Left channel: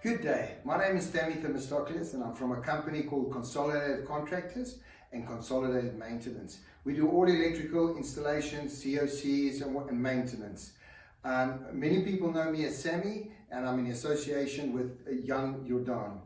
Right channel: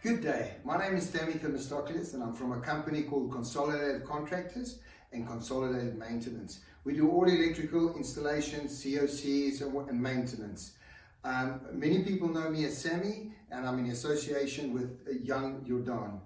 Good day, my name is Sammy and I'm from a company called Consolidated Contractors and Consolidated Maintenance. We do all electrical installations, COCs and maintenance. Many people know me as Sammy and I'm in association with Jan L Jordaan.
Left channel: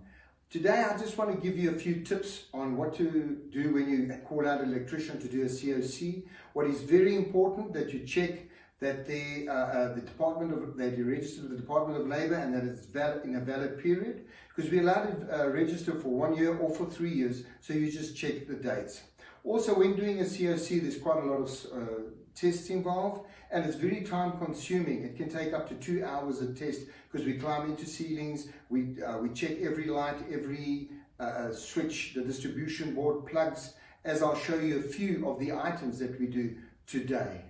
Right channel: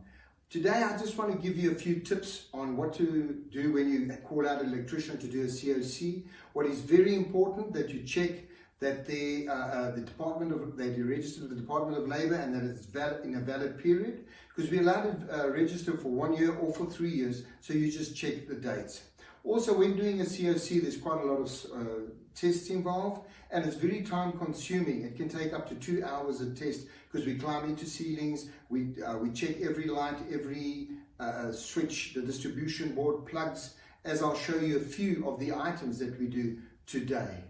Today I just want to give you a few tips on what to do when you call out an electrician to do a COC. What is very important that you check that that you register with the Department of Labor and that it's valid in a valid period, because we're allowed to register for 1 year or for 3 years, so you just check the dates. Also, when doing a COC, there's quite a lot of tests involved and it's very time consuming. It can take up to 2 hours a test because we climb into ceilings, we check every light, every switch, the distribution board, plugs, as I'll show you a few of the items that we do today.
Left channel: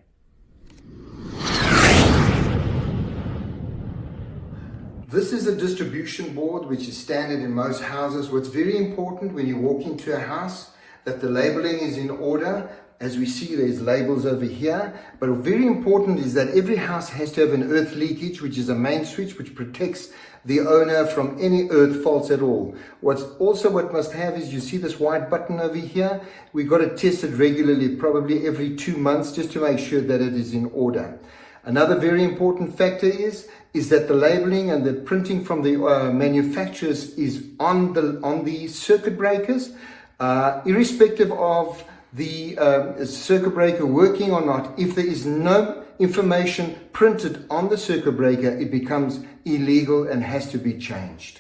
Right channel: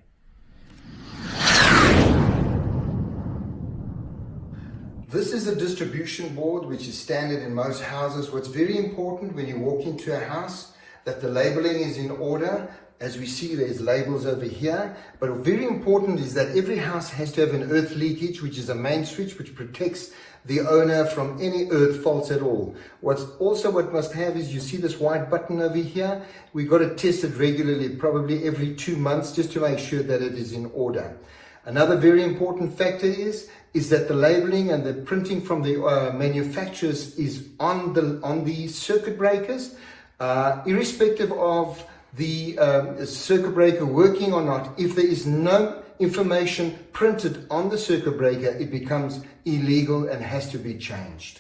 This is a distribution board which is standard in most houses. What's very important when you walk into a house, that the labeling is in order. As we see, there's labels over here, but very important is that every house has to have an earth leakage, which is a main switch which protects the owner from any earth faults at all. What must have is, you see this white button over here, we've got to test it regularly, probably every 2 months, just to make sure that it is in order. Another very important factor is that the labeling and the printing from the manufacturers is on the circuit breakers, irrespective of the circuit breaker working or not. If there is no information printed on the circuit breaker, it becomes illegal and has to be changed.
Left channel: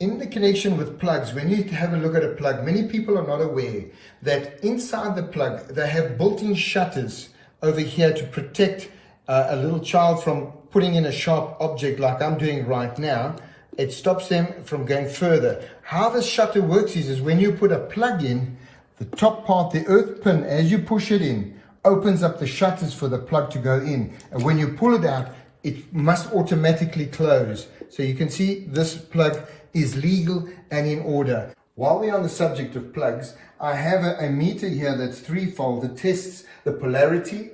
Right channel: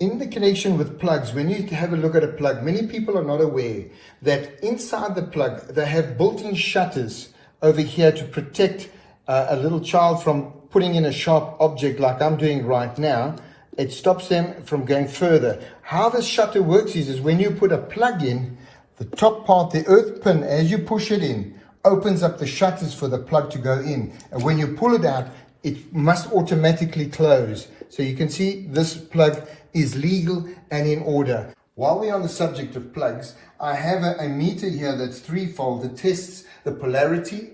In the connection with plugs, when you have a look at a plug, many people are not aware that inside the plug they have built-in shutters over here to protect a little child from putting in a sharp object like I'm doing right now. It stops them from going further. How this shutter works is when you put a plug in, the top part, the earth pin, as you push it in, opens up the shutters for the plug to go in. And when you pull it out, it must automatically close. So you can see this plug is legal and in order. While we're on the subject of plugs, I have a meter here that's threefold. It tests the polarity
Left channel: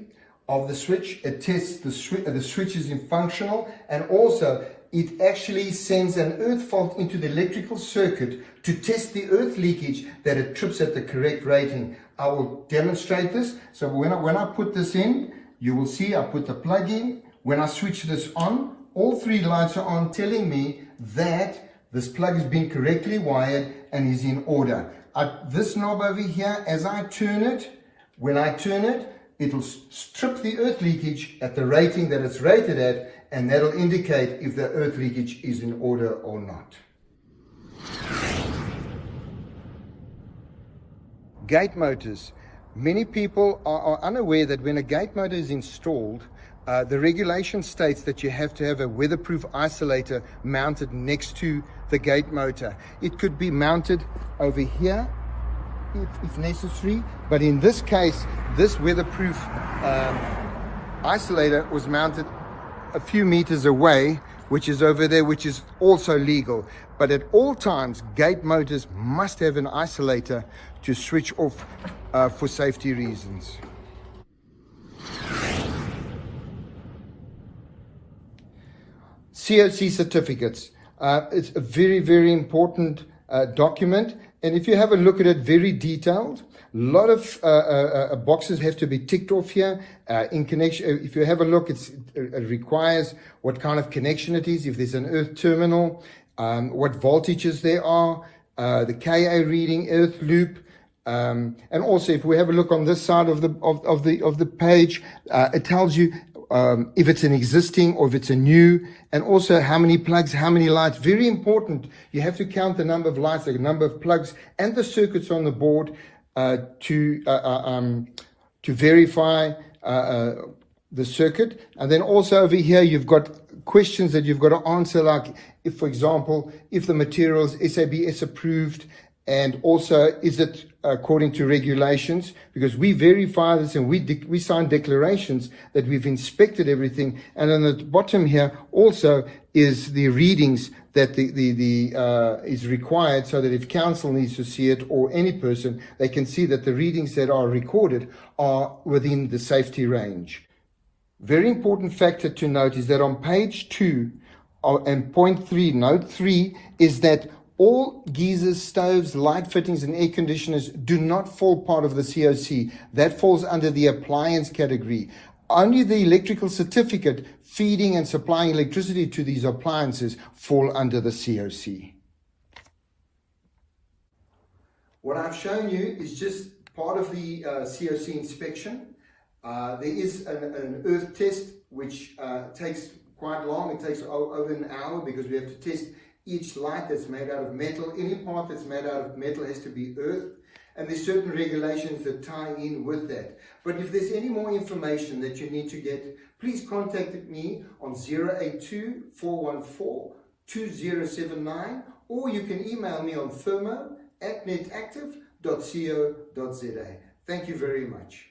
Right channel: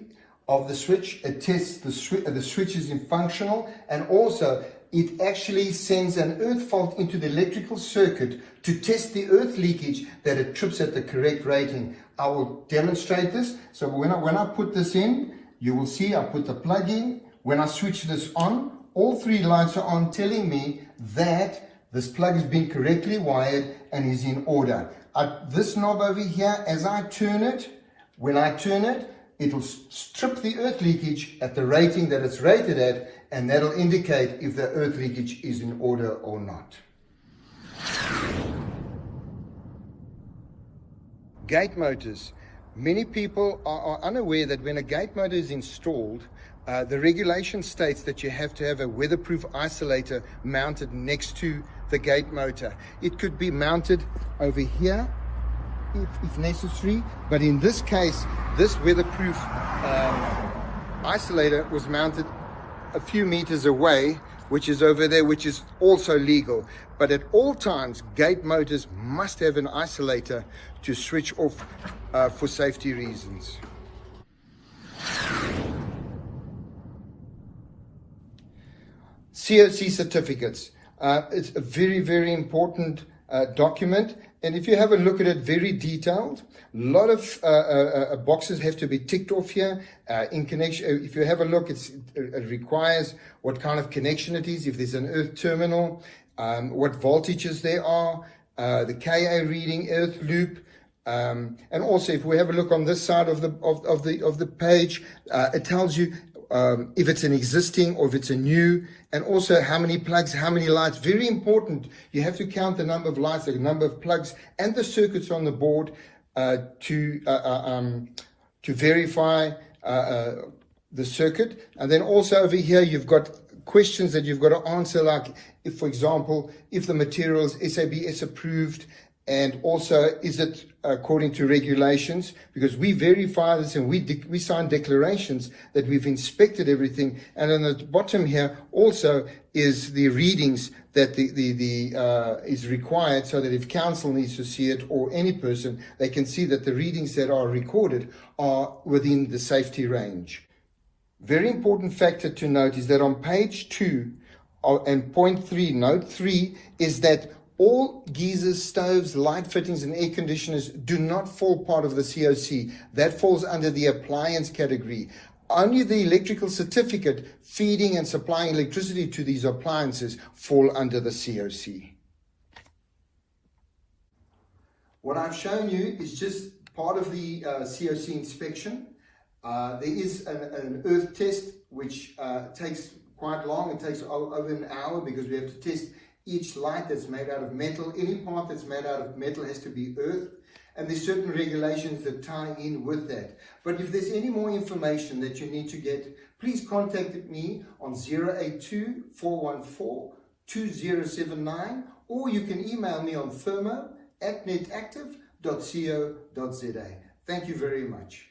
of the switch, it tests the switch is in functional, and also it actually sends an earth fault into the electrical circuit to test the earth leakage, that it trips at the correct rating. I will demonstrate this. So when I put this in, you will see I put the plug in. When I switch this on, all 3 lights are on, telling me that this plug has been correctly wired and is in order. This knob over here, as I turn it, when I turn it, it'll strip the earth leakage at the rating that it's rated at, and that'll indicate if the earth leakage is in order or not. Gate motors. Many people are unaware that when a gate motor is installed, the regulation states that you have to have a weatherproof isolator mounted next to the gate motor. It could be mounted over here if necessary, but in this case, this weatherproof isolator was mounted a few meters away, which is over there, which is also legal. But at all times, gate motors must have an isolator to switch off for safety reasons. COC certificates. It's a very, very important document, and if you have a look at it, very detailed. A lot of boxes have to be ticked off here. In connection, if you have a look, it requires what kind of connection it is, if there's an earth terminal, what voltages there are, the Ka reading, earth loop, and also if we have a look on this side of the page, it tells you if it's an existing or if it's a new, and also how many plugs, how many lights. Very important. You have to count the number of lights, the number of plugs, and the circuits on the board to verify the circuit. And then also over here, you've got questions that you've got to answer, like if, for example, if the material is SABS approved, and also is it according to regulations, because we verify this and we sign declarations that we've inspected everything. And on the bottom here also is the readings that is required, so that if council needs to see it, or any person, they can see that the readings that are recorded are within the safety range. Very important factor to note is that on page 2 and point 3, note 3, is that all geysers, stoves, light fittings, and air conditioners do not fall part of the COC. That falls under the appliance category. Only the electrical certificate feeding and supplying electricity to these appliances fall under the COC. What I've shown you is just part of the COC inspection. There is an earth test which takes quite long. It takes over an hour because we have to test each light that's made out of metal. Any part that's made out of metal has to be earthed. And there's certain regulations that tie in with that. But if there's any more information that you need to get, please contact me on 082-414-2079, or you can email me on thermo@netactive.co.za. Thank you very much.